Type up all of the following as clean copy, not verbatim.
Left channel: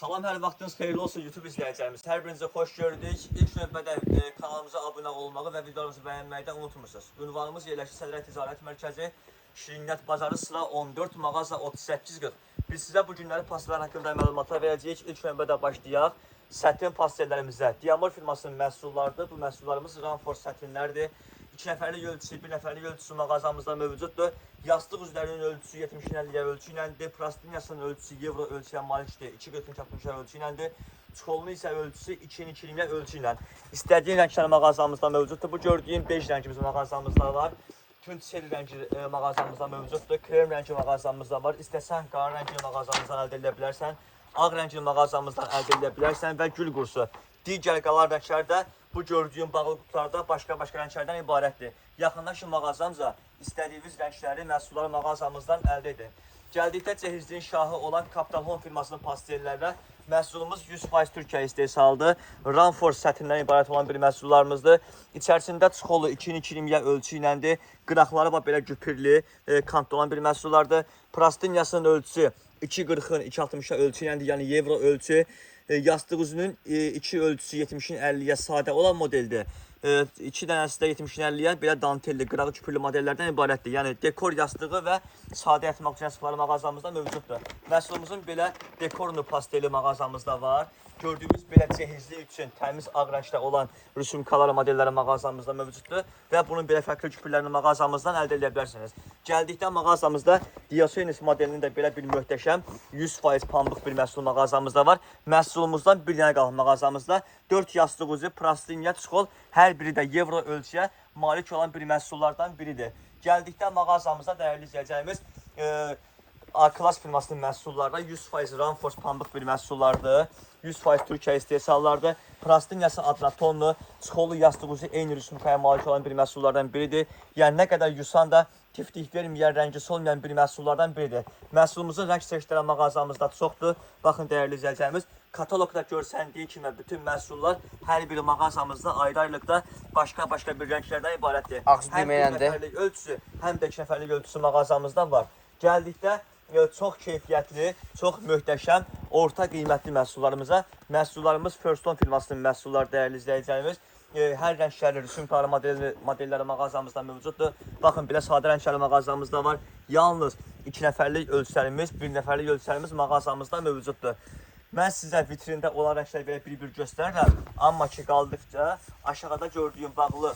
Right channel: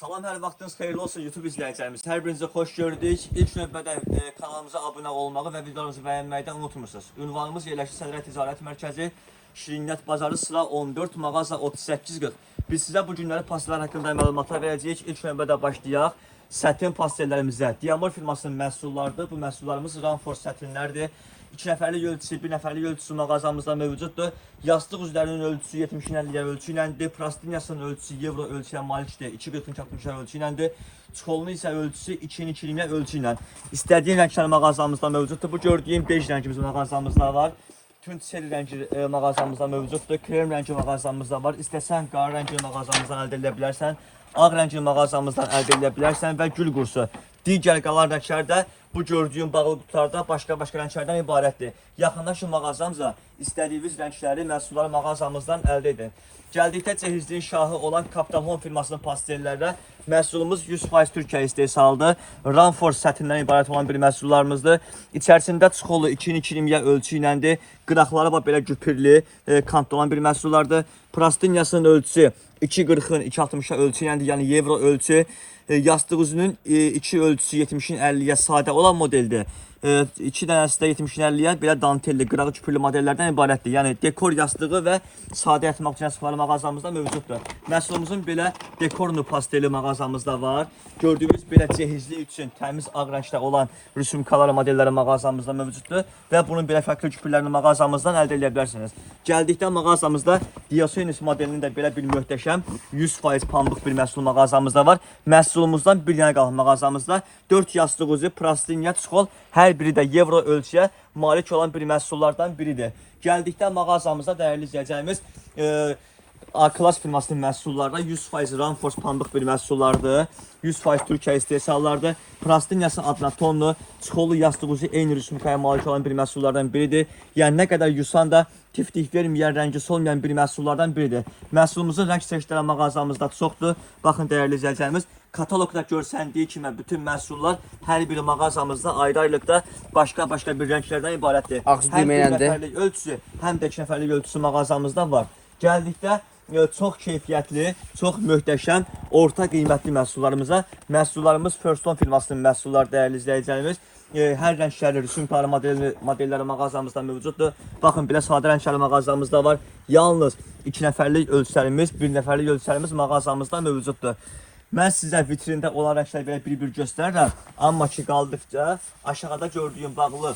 Salam, hər vaxtınız xeyirli olsun YouTube izləyicilərimiz. Hər birinizə xoş gördük. İlk növbədə kanalımıza abunə olmağı və videomuzu bəyənməkdən unutmursunuz. Ünvanımız yerləşir Sədrə Ticarət Mərkəzi, Şirniyyat Bazarı, sıra 14, mağaza 3840. Biz sizə bu günləri pastellər haqqında məlumatlar verəcəyik. İlk növbədə başlayaq. Sətin pastellərimizə. Diamor firmasının məhsullarıdır. Bu məhsullarımız Ranfors sətinlərdir. 2 nəfərlik ölçüsü, 1 nəfərlik ölçüsü mağazamızda mövcuddur. Yastıq üzlərinin ölçüsü 70-50 ölçü iləndir. Plastiniyasının ölçüsü evro ölçüyə malikdir. 240-60 ölçü iləndir. Çikolunu isə ölçüsü 2-2 ölçü ilə. İstədiyin rənglər mağazamızda mövcuddur. Bu gördüyüm bej rəngimiz mağazamızda var. Tünd seri rəngi mağazamızda mövcuddur. Krem rəngi mağazamızda var. İstəsən qara rəngi mağazamızdan əldə edə bilərsən. Ağ rəngli mağazamızdan əldə edə bilərsən və gül qursu. Digər qalan rənglər də bu gördüyüm bağlı qutularda başqa rənglərdən ibarətdir. Yaxınlaşın mağazamıza, istədiyiniz rəngləri, məhsulları mağazamızdan əldə edin. Gəldikdə cehizliyin şahı olan Capital Home firmasının pastellərlə məhsulumuz 100% Türkiyə istehsalıdır. Ranfors sətindən ibarət olan bir məhsullarımızdır. İçərisində çikollu 2-2 ölçü iləndir. Qıraqları belə güpürlü, kantlı olan bir məhsullardır. Plastiniyasının ölçüsü 240-ın 260-a ölçü iləndir, yəni evro ölçü. Yastıq üzünün 2 ölçüsü 70-in 50-yə sadə olan modeldir. 2 dənəsi də 70-in 50-yə belə dantelli, qırağı küpürlü modellərdən ibarətdir. Yəni dekor yastığı və sadə yatmaq üçün yastıqları mağazamızda mövcuddur. Məhsulumuzun belə dekorlu pasteli mağazamızda var. Gördüyünüz belə cehizlik üçün təmiz ağ rəngdə olan rüsumkalar modelləri mağazamızda mövcuddur və bunun belə fərqli küpürlərini mağazamızdan əldə edə bilərsiniz. Gəldikdə mağazamızda Diogenes modelinin də belə bir möhtəşəm 100% pambıq bir məhsul mağazamızda var. Məhsulumuzdan bir dənə qalıb mağazamızda 4 yastıq üzü, plastiniya, çikol, hər biri də evro ölçüyə malik olan bir məhsullardan biridir. Gəldikdə mağazamızda dəyərli izləyəcəyimiz A-Class firmasının məhsullarında 100% Ranfors pambıq bir məhsullardır. 100% Türkiyə istehsallardır. Plastiniyasının adına tonlu, çikolu yastıq üzü eyni rüsumkaya malik olan bir məhsullardan biridir. Yəni nə qədər yusan da tiftik verməyən, rəngi solmayan bir məhsullardan biridir. Məhsulumuzun rəng seçkiləri mağazamızda çoxdur. Baxın dəyərli izləyəcəyimiz, kataloqda görsəndiyi kimi bütün məhsullar hər biri mağazamızda ayrı-ayrılıqda başqa bir rənglərdən ibarətdir. Həm 1 nəfərlik ölçüsü, həm də 2 nəfərlik ölçüsü mağazamızda var. Gəldikdə çox keyfiyyətli, çox möhtəşəm, orta qiymətli məhsullarımız First Home firmasının məhsulları dəyərli izləyəcəyimiz. Hər rəngləri, rüsumkarlı modelləri mağazamızda mövcuddur. Baxın, belə sadə rəngləri mağazamızda var. Yalnız 2 nəfərlik ölçülərimiz, 1 nəfərlik ölçülərimiz mağazamızda mövcuddur. Mən sizə vitrində olan rəngləri belə bir göstərirəm. Amma ki, qaldıqca aşağıda gördüyüm bağlı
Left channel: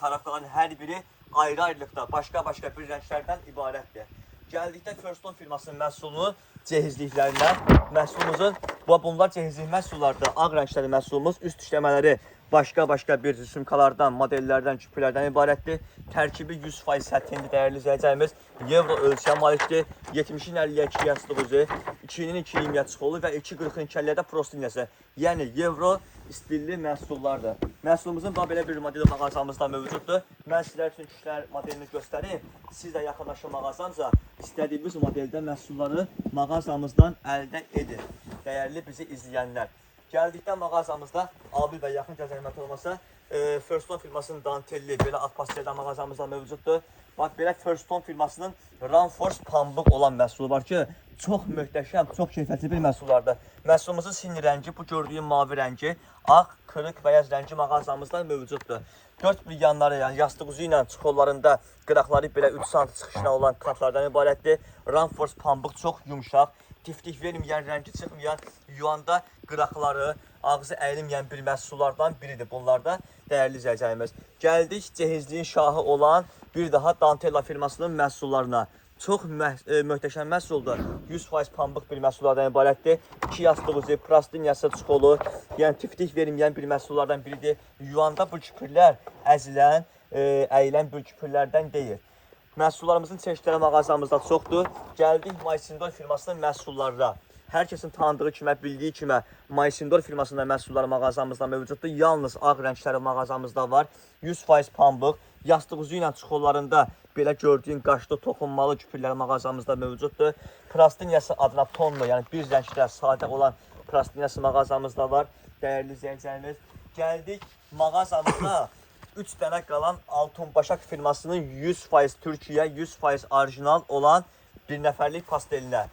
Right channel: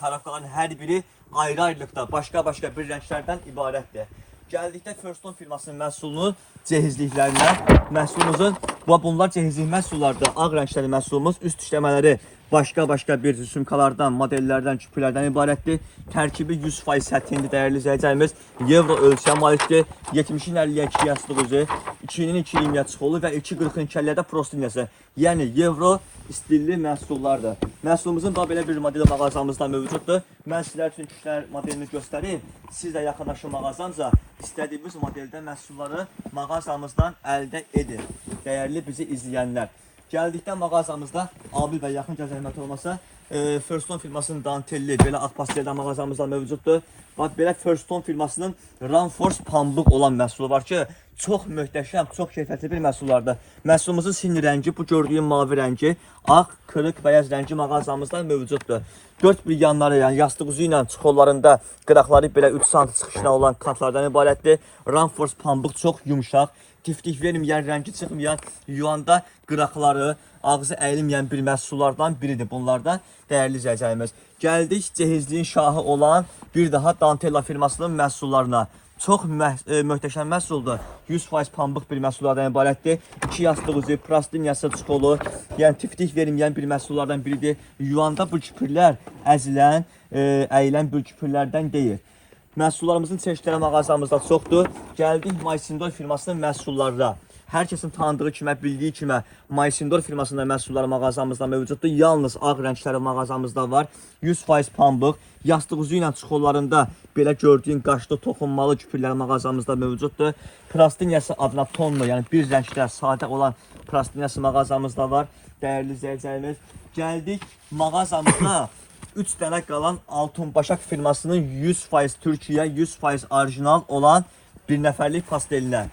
tarafların hər biri ayrı-ayrılıqda başqa bir rənglərdən ibarətdir. Gəldikdə First Home firmasının məhsulunun cehizliklərindən, məhsulumuzun, bunlar cehizlik məhsullardır. Ağ rəngləri məhsulumuz, üst işləmələri başqa bir rüsumkalardan, modellərdən, küpürlərdən ibarətdir. Tərkibi 100% sətindir, dəyərli izləyəcəyimiz. Evro ölçüyə malikdir. 70-in 50-yə 2 yastıq üzü, 2-nin 2-yə çikolu və 240-ın 2-yə prostiniyası. Yəni evro istilli məhsullardır. Məhsulumuzun da belə bir modeli mağazamızda mövcuddur. Mən sizlər üçün kişilər modelini göstəreyim. Siz də yaxınlaşın mağazamıza, istədiyiniz modeldə məhsulları mağazamızdan əldə edin. Dəyərli bizi izləyənlər. Gəldikdə mağazamızda abi və yaxın zəhmət olmasa First Home firmasının dantelli, belə ağ pasteldə mağazamızda mövcuddur. Belə First Home firmasının Ranfors pambıq olan məhsulu var ki, çox möhtəşəm, çox keyfiyyətli bir məhsullardır. Məhsulumuzun sinir rəngi, bu gördüyüm mavi rəngi, ağ, qırıq, bəyaz rəngi mağazamızda mövcuddur. 4 bir yanları, yəni yastıq üzü ilə çikollarında qıraqları belə 3 cm çıxışına olan kantlardan ibarətdir. Ranfors pambıq çox yumuşaq, tiftik verməyən, rəngi çıxmayan, yuyanda qıraqları, ağzı əyilməyən bir məhsullardan biridir bunlar da dəyərli izləyəcəyimiz. Gəldik cehizliyin şahı olan bir daha Dantella firmasının məhsullarına. Çox möhtəşəm məhsuldur. 100% pambıq bir məhsullardan ibarətdir. 2 yastıq üzü, plastiniyası, çikolu, yəni tiftik verməyən bir məhsullardan biridir. Yuyanda bu küpürlər əzilən, əyilən bir küpürlərdən deyil. Məhsullarımızın çeşidləri mağazamızda çoxdur. Gəldik Maysindor firmasının məhsullarına. Hər kəsin tanıdığı kimi, bildiyi kimi Maysindor firmasında məhsulları mağazamızda mövcuddur. Yalnız ağ rəngləri mağazamızda var. 100% pambıq, yastıq üzü ilə çikollarında belə gördüyün qaşlı toxunmalı küpürlər mağazamızda mövcuddur. Plastiniyası adına tonlu, yəni bir rəngdə sadə olan plastiniyası mağazamızda var. Dəyərli izləyicilərimiz, gəldik mağazamızda 3 dənə qalan Altınbaşak firmasının 100% Türkiyə, 100% orijinal olan bir nəfərlik pastelinə.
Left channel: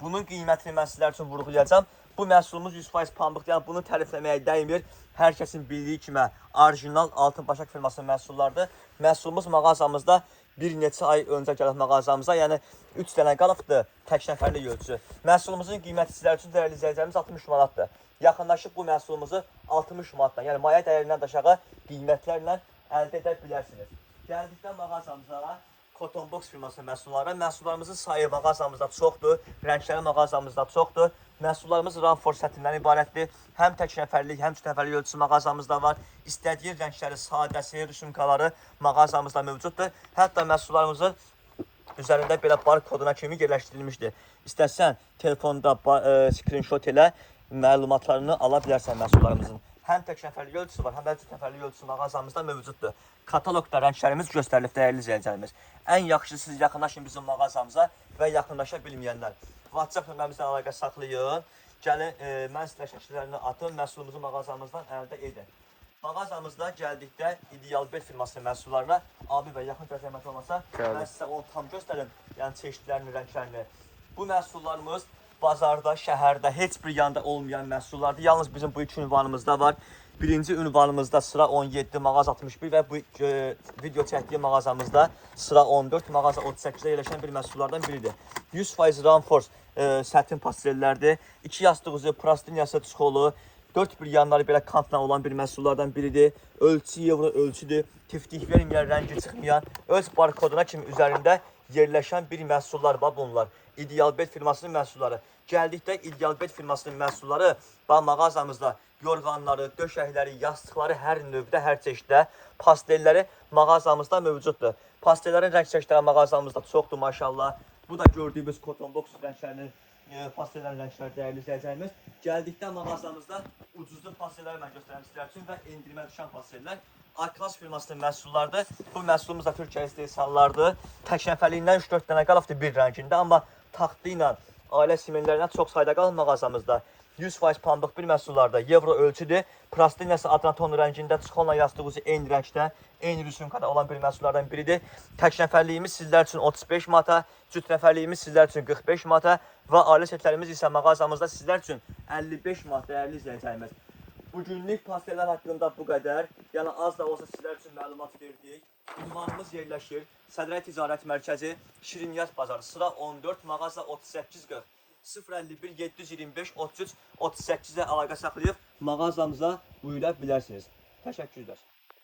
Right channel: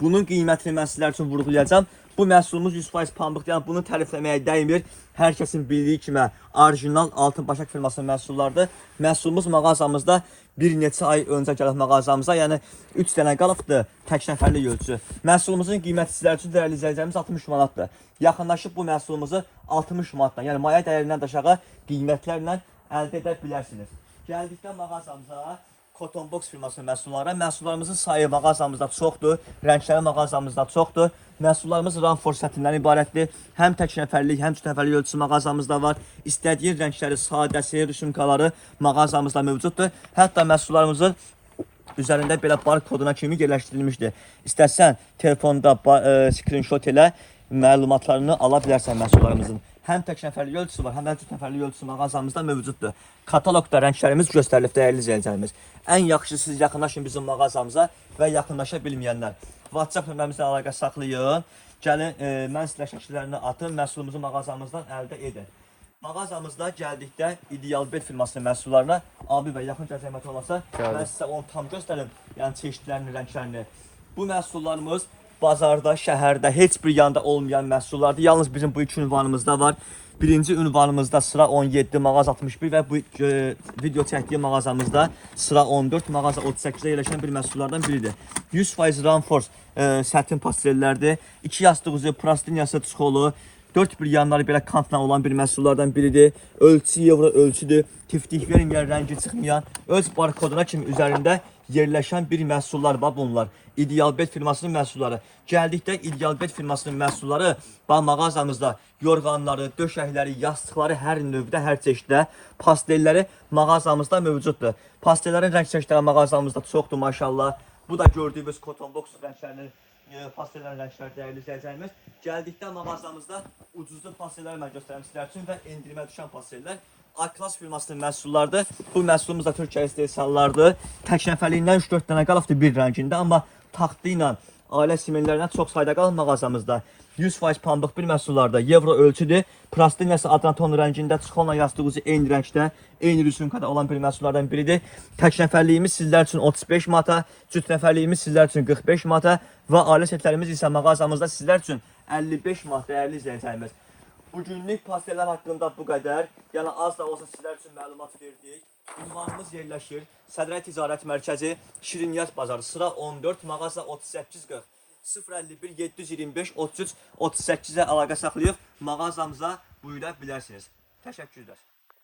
Bunun qiymətini mən sizlər üçün vurğulayacağım. Bu məhsulumuz 100% pambıqdır. Yəni bunu tərifləməyə dəymir. Hər kəsin bildiyi kimi orijinal Altın Başak firmasının məhsullarıdır. Məhsulumuz mağazamızda bir neçə ay öncə gəlib mağazamıza, yəni 3 dənə qalıbdır tək nəfərlik ölçü. Məhsulumuzun qiyməti sizlər üçün dəyərli izləyicilərimiz 60 manatdır. Yaxınlaşıb bu məhsulumuzu 60 manatdan, yəni maya dəyərindən də aşağı qiymətlərlə əldə edə bilərsiniz. Gəldikdə mağazamıza Cotton Box firmasının məhsulları, məhsullarımızın sayı mağazamızda çoxdur, rəngləri mağazamızda çoxdur. Məhsullarımız Ranfor sətindən ibarətdir. Həm tək nəfərlik, həm 3 nəfərlik ölçüsü mağazamızda var. İstədiyi rəngləri, sadəsi, rüsumkaları mağazamızda mövcuddur. Hətta məhsullarımızın üzərində belə bar koduna kimi yerləşdirilmişdir. İstəsən telefonda screenshot elə məlumatlarını ala bilərsən məhsullarımızın. Həm tək nəfərlik ölçüsü var, həm də 3 nəfərlik ölçüsü mağazamızda mövcuddur. Kataloqda rənglərimiz göstərilib dəyərli izləyicilərimiz. Ən yaxşısı siz yaxınlaşın bizim mağazamıza və yaxınlaşa bilməyənlər WhatsApp nömrəmizdən əlaqə saxlayın. Gəlin, mən sizə şəkillərini atın, məhsulumuzu mağazamızdan əldə edin. Mağazamızda gəldikdə İdeal Bet firmasının məhsullarına abi və yaxın zəhmət olmasa, mən sizə onu tam göstərim, yəni çeşidlərini, rənglərini. Bu məhsullarımız bazarda, şəhərdə heç bir yanda olmayan məhsullardır. Yalnız bizim bu iki ünvanımızda var. Birinci ünvanımızda sıra 17, mağaza 61 və bu video çəkdiyi mağazamızda sıra 14, mağaza 38-də yerləşən bir məhsullardan biridir. 100% Ranforce sətin pastellərdir. 2 yastıq üzü, plastiniyası, çikolu, 4 bir yanları belə kantla olan bir məhsullardan biridir. Ölçü evro ölçüdür. Tiftik verməyən, rəngi çıxmayan, öz barkoduna kimi üzərində yerləşən bir məhsullar var bunlar. İdeal Bet firmasının məhsulları. Gəldikdə İdeal Bet firmasının məhsulları mağazamızda yorğanları, döşəkləri, yastıqları hər növdə, hər çeşiddə, pastelləri mağazamızda mövcuddur. Pastellərin rəng çeşidləri mağazamızda çoxdur maşallah. Bu da gördüyümüz Cotton Box rənglərinin pastellərin rəngləri dəyərli izləyicilərimiz. Gəldikdə mağazamızda ucuzlu pastelləri mən göstərim sizlər üçün və endirimə düşən pastellər A-Class firmasının məhsullarıdır. Bu məhsulumuz da Türkiyə istehsallardır. Tək nəfərliyindən 3-4 dənə qalıbdır bir rəngində, amma taxtı ilə, ailə simenlərindən çox sayda qalır mağazamızda. 100% pambıq bir məhsullarda evro ölçüdür. Plastiniyası adranton rəngində, çikolna yastığı ucu eyni rəngdə, eyni rüsumkada olan bir məhsullardan biridir. Tək nəfərliyimiz sizlər üçün 35 manata, cüt nəfərliyimiz sizlər üçün 45 manata və ailə setlərimiz isə mağazamızda sizlər üçün 55 manat dəyərli izləyicilərimiz. Bugünlük pastellər haqqında bu qədər. Yəni az da olsa sizlər üçün məlumat verdik. Ünvanımız yerləşir Sədrəy Ticarət Mərkəzi, Şirniyyat Bazarı, sıra 14, mağaza 3840. 051 725 33 38-ə əlaqə saxlayıb mağazamıza buyura bilərsiniz. Təşəkkürlər.